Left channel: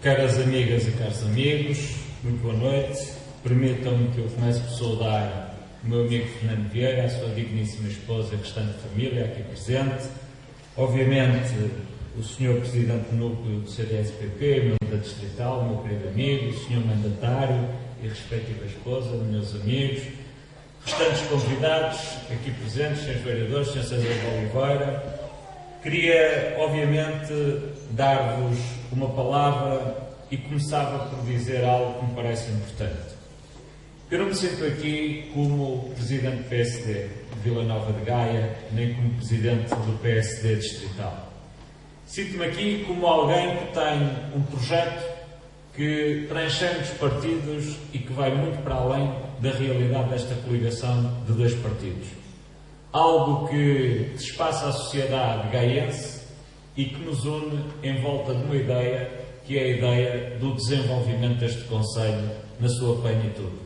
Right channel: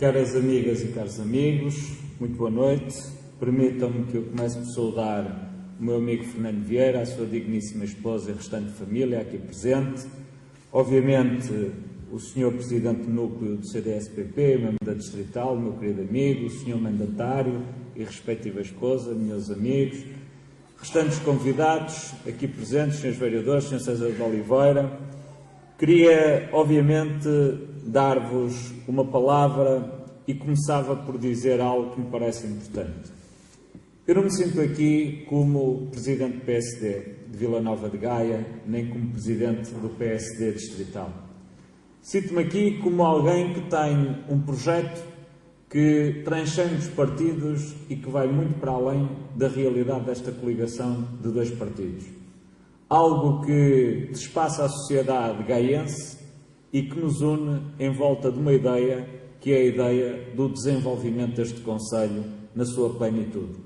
Caras amigas e caros amigos, muito boa noite. Permitam-me que eu comece por saudar o meu amigo Fernando Vieira, a sua digníssima esposa e a restante família aqui presente. Obviamente, o Sr. Presidente do Núcleo do CDS-PP, meu da Distrital, meu querido amigo, o Sr. Mandatário e respectiva esposa, meus amigos, restantes convidados aqui presentes, Srs. Vereadores, Sr. César de Oliveira. Queria, obviamente, dar-vos uma palavra e começava por dizer algo que me parece importante. Eu não me sinto aqui como Presidente do PSD de Vila Nova de Gaia, nem como Presidente do PSD Distrital. Sinto-me aqui como alguém que tem um projeto que transcende os partidos e que vai muito para além da realidade desta coligação de dois partidos. Algo que despassa a sociedade gaiense e que nos une em volta de uma ideia, que é a ideia do desenvolvimento deste concelho na sua plenitude.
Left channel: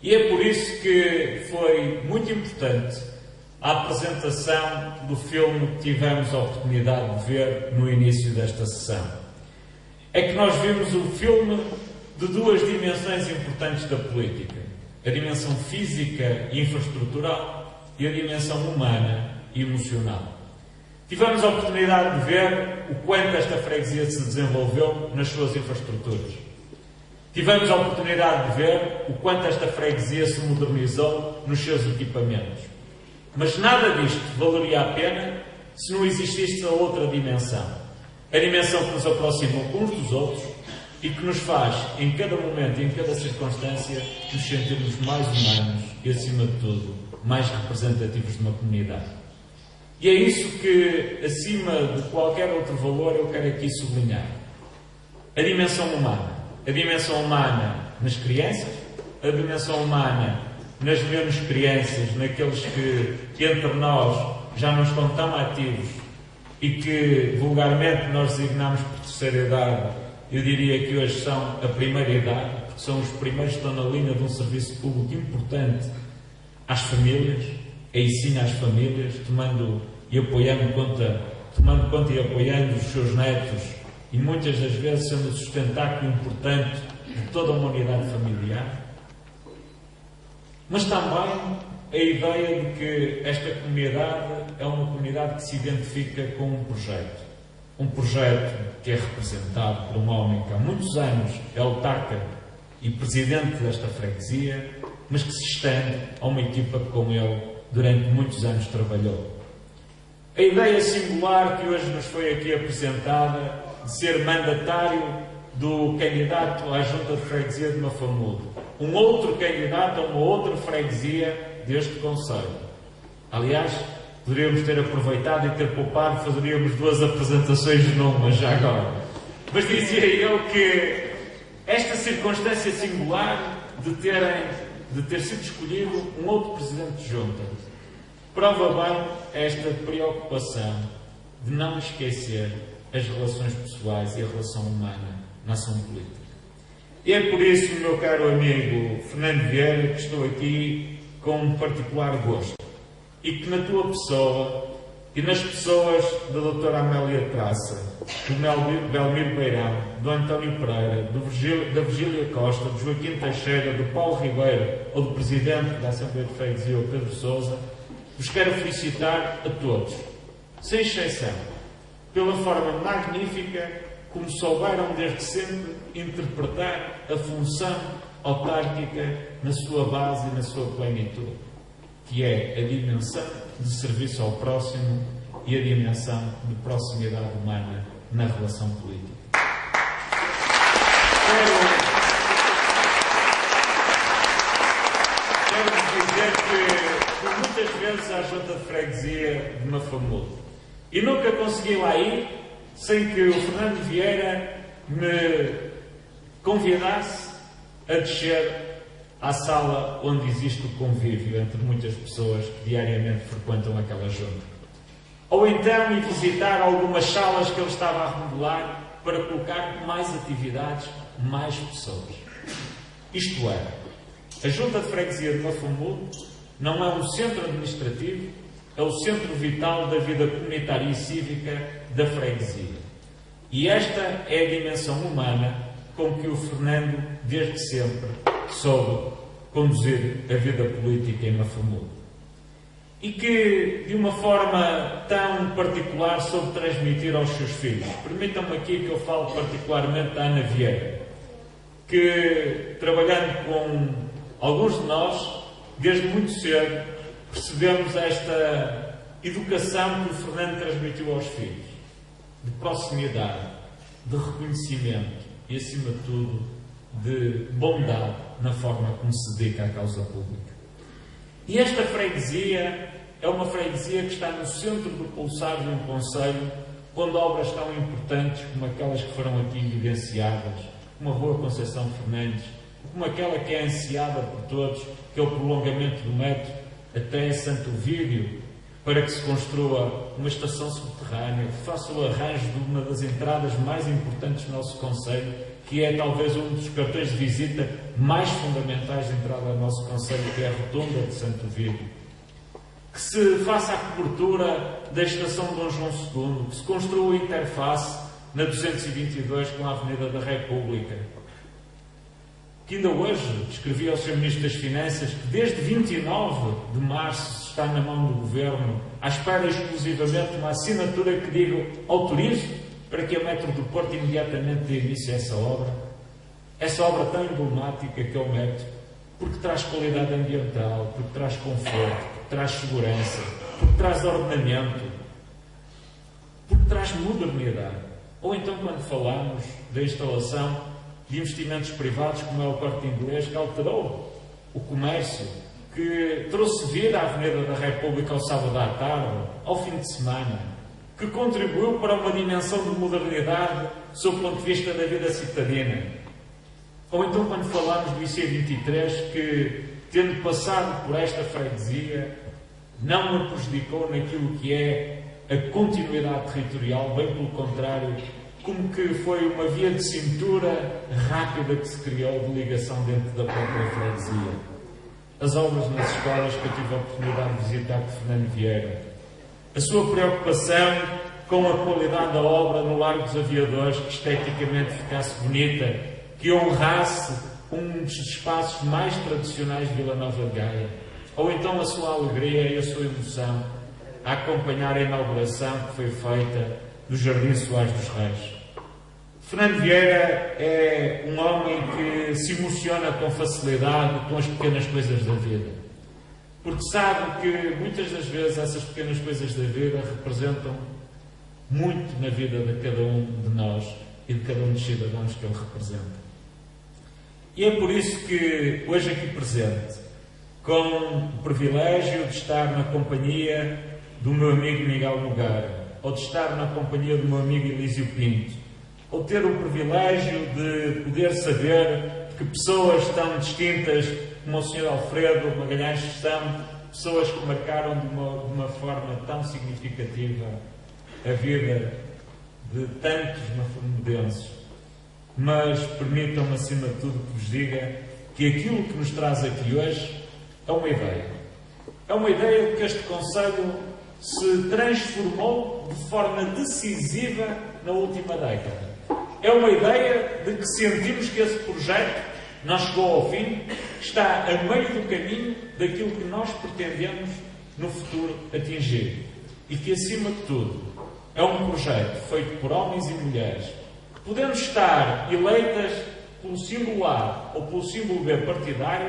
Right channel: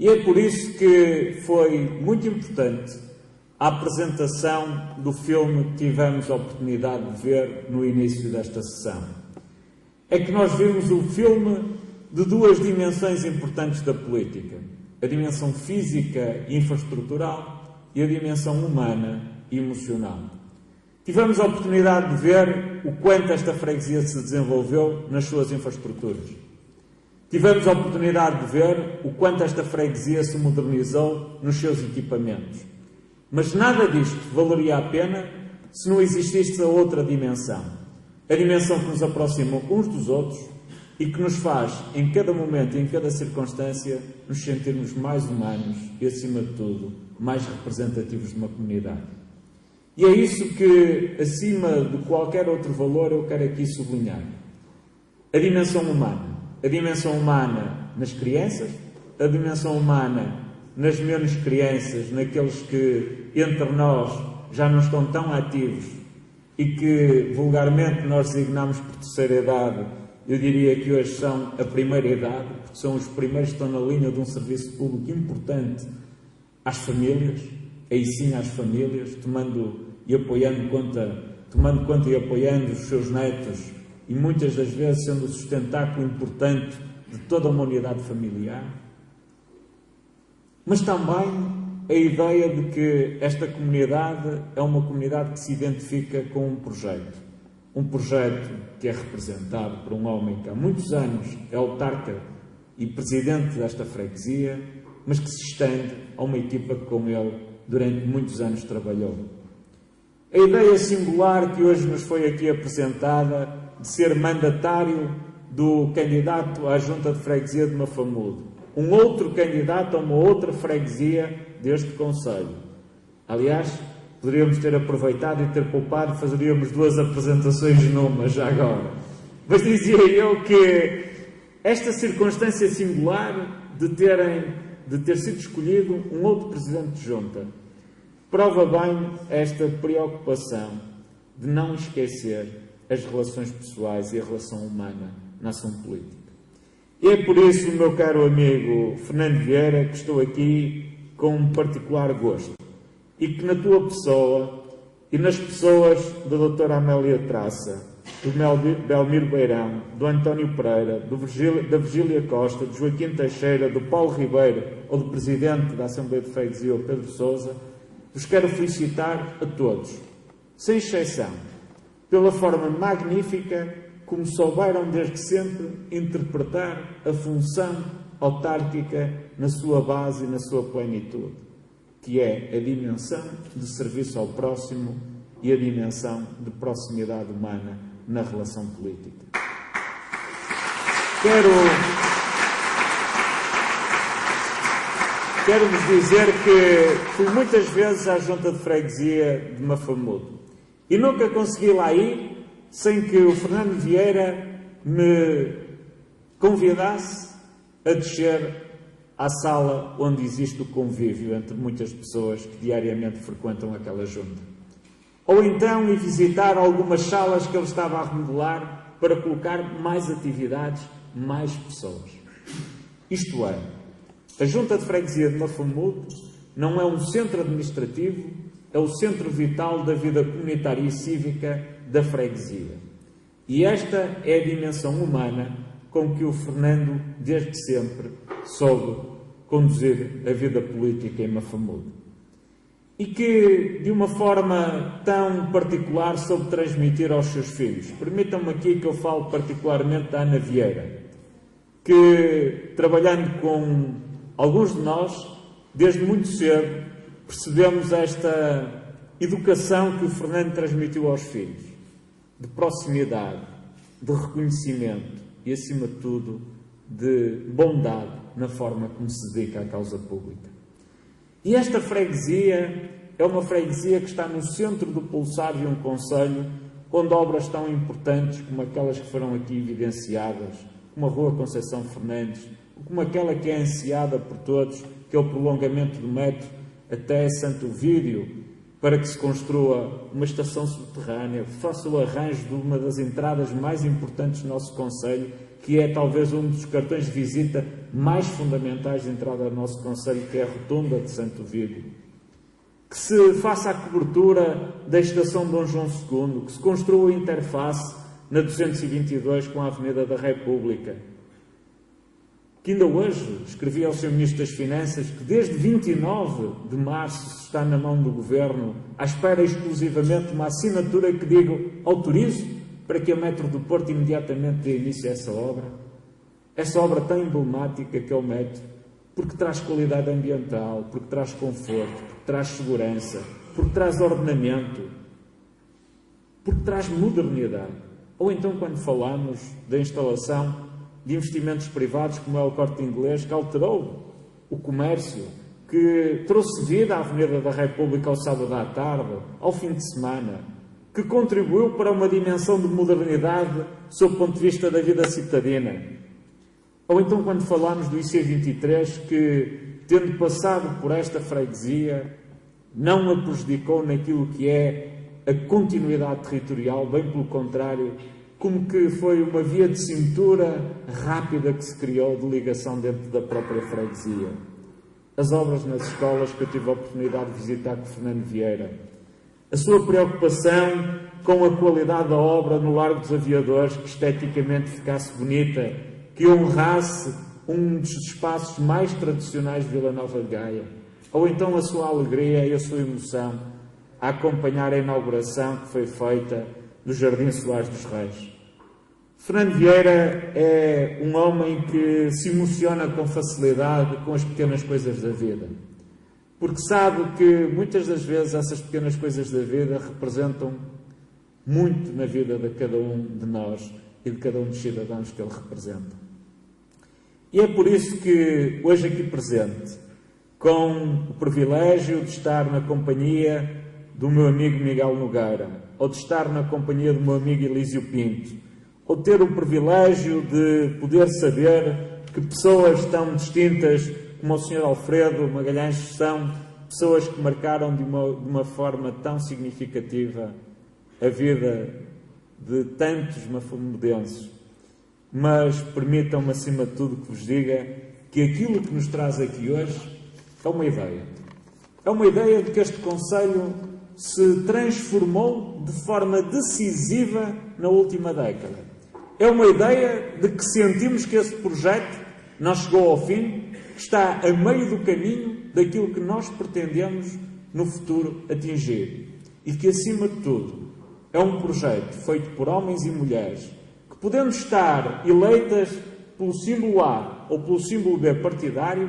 E é por isso que foi muito importante a apresentação do filme que tivemos a oportunidade de ver no início desta sessão. É que nós vimos o filme de duas dimensões importantes da política: a dimensão física e infraestrutural e a dimensão humana e emocional. Tivemos a oportunidade de ver o quanto esta freguesia se desenvolveu nas suas infraestruturas. Tivemos a oportunidade de ver o quanto esta freguesia se modernizou nos seus equipamentos. Mas nada disto valeria a pena se não existisse a outra dimensão. A dimensão que nos aproxima uns dos outros e que nos faz, em cada momento e em cada circunstância, nos sentirmos mais humanos e, acima de tudo, mais representativos de uma comunidade. E é isso que, acima de qualquer outro valor, eu quero aqui sublinhar. A dimensão humana. A dimensão humana nas crianças, a dimensão humana nas menos crianças, naqueles que entre nós já não estão tão ativos e que vulgarmente nós designamos por terceira idade. Eu diria que hoje são a primeira idade, porque são os primeiros que estão na linha de um serviço público importante às famílias, a ensino às famílias, tomando conta e apoiando os seus netos e muitas das vezes sendo o sustentáculo importante de toda uma unidade familiar. Mas também a ideia de que esta comunidade é uma comunidade que se identifica com um projeto que é representado por um homem que há muitos anos é autarca e presidente desta freguesia, mas que se estende a uma equipa que com ele durante muitos anos trabalhou. A ideia singular que hoje nos foi aqui apresentada de ser mandatário do candidato à Junta de Freguesia de Mafamudo, um outro candidato a uma outra freguesia deste concelho. Aliás, poderíamos ter aproveitado e ter poupado, fazeríamos duas apresentações numa já agora. Mas dizia eu que esta circunstância singular de ter sido escolhido um outro Presidente de Junta prova bem esta preocupação de não esquecer as relações pessoais e a relação humana na ação política. E é por isso, meu caro amigo Fernando Vieira, que estou aqui com um particular gosto e que na tua pessoa e nas pessoas da doutora Amélia Traça, do Belmiro Beirão, do António Pereira, da Virgília Costa, do Joaquim Teixeira, do Paulo Ribeiro ou do Presidente da Assembleia de Freguesia, o Pedro Sousa, vos quero felicitar a todos, sem exceção, pela forma magnífica como souberam desde sempre interpretar a função autárquica na sua base e na sua plenitude, que é a dimensão de serviço ao próximo e a dimensão de proximidade humana na relação política. Quero-vos dizer que fui muitas vezes à Junta de Freguesia de Mafamudo e nunca consegui lá ir sem que o Fernando Vieira me convidasse a descer à sala onde existe o convívio entre muitas pessoas que diariamente frequentam aquela junta. Ou então ir visitar algumas salas que ele estava a remodelar para colocar mais atividades, mais pessoas. Isto é, a Junta de Freguesia de Mafamudo não é um centro administrativo, é o centro vital da vida comunitária e cívica da freguesia. E esta é a dimensão humana com que o Fernando, desde sempre, soube conduzir a vida política em Mafamudo. E que, de uma forma tão particular, soube transmitir aos seus filhos. Permitam-me aqui que eu falo particularmente da Ana Vieira, que, trabalhando com alguns de nós, desde muito cedo, percebemos esta educação que o Fernando transmitiu aos filhos, de proximidade, de reconhecimento e, acima de tudo, de bondade na forma como se dedica à causa pública. E esta freguesia é uma freguesia que está no centro do pulsar de um concelho, onde obras tão importantes como aquelas que foram aqui evidenciadas, como a Rua Conceição Fernandes, como aquela que é ansiada por todos, que é o prolongamento do metro até Santo Ovídio, para que se construa uma estação subterrânea, que faça o arranjo de uma das entradas mais importantes do nosso concelho, que é talvez um dos cartões de visita mais fundamentais de entrada ao nosso concelho, que é a Rotunda de Santo Ovídio. Que se faça a cobertura da estação de Dom João II, que se construa a interface na 222 com a Avenida da República. Que ainda hoje escrevi ao Sr. Ministro das Finanças que desde 29 de março está na mão do Governo, à espera exclusivamente de uma assinatura que diga autorizo para que a Metro do Porto imediatamente dê início a essa obra tão emblemática que é o metro, porque traz qualidade ambiental, porque traz conforto, porque traz segurança, porque traz ordenamento, porque traz modernidade. Ou então quando falamos da instalação de investimentos privados, como é o Corte Inglês, que alterou o comércio, que trouxe vida à Avenida da República ao sábado à tarde, ao fim de semana, que contribuiu para uma dimensão de modernidade sob o ponto de vista da vida citadina. Ou então quando falamos do IC23, que, tendo passado por esta freguesia, não a prejudicou naquilo que é a continuidade territorial, bem pelo contrário, como que foi uma via de cintura rápida que se criou de ligação dentro da própria freguesia. As obras nas escolas que eu tive a oportunidade de visitar com Fernando Vieira. A sua preocupação com a qualidade da obra no Largo dos Aviadores, que esteticamente ficasse bonita, que honrasse um dos espaços mais tradicionais de Vila Nova de Gaia. Ou então a sua alegria e a sua emoção a acompanhar a inauguração que foi feita no Jardim Soares dos Reis. Fernando Vieira é um homem que se emociona com facilidade com as pequenas coisas da vida, porque sabe que muitas das vezes essas pequenas coisas da vida representam muito na vida de cada um de nós e de cada um dos cidadãos que ele representa. E é por isso que hoje aqui presente, com o privilégio de estar na companhia do meu amigo Miguel Nogueira, ou de estar na companhia do meu amigo Elísio Pinto, ou ter o privilégio de poder saber que pessoas tão distintas como o Sr. Alfredo Magalhães são pessoas que marcaram de uma forma tão significativa a vida de tantos mafamudenses. Mas permitam-me, acima de tudo, que vos diga que aquilo que nos traz aqui hoje é uma ideia. É uma ideia de que este concelho se transformou de forma decisiva na última década. É uma ideia de que sentimos que esse projeto não chegou ao fim, está a meio do caminho daquilo que nós pretendemos no futuro atingir. E que, acima de tudo, é um projeto feito por homens e mulheres que podemos estar eleitas pelo símbolo A ou pelo símbolo B partidário,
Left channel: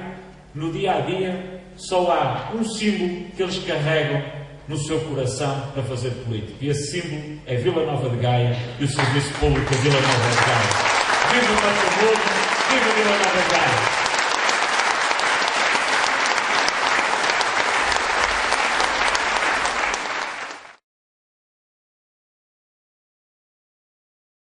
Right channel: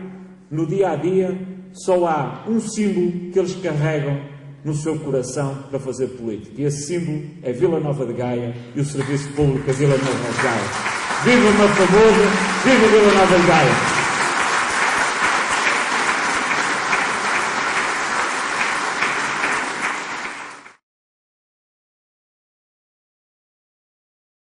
no dia a dia só há um símbolo que eles carregam no seu coração para fazer política. E esse símbolo é Vila Nova de Gaia e o Serviço Público Vila Nova de Gaia. Viva Mafamudo, viva Vila Nova de Gaia!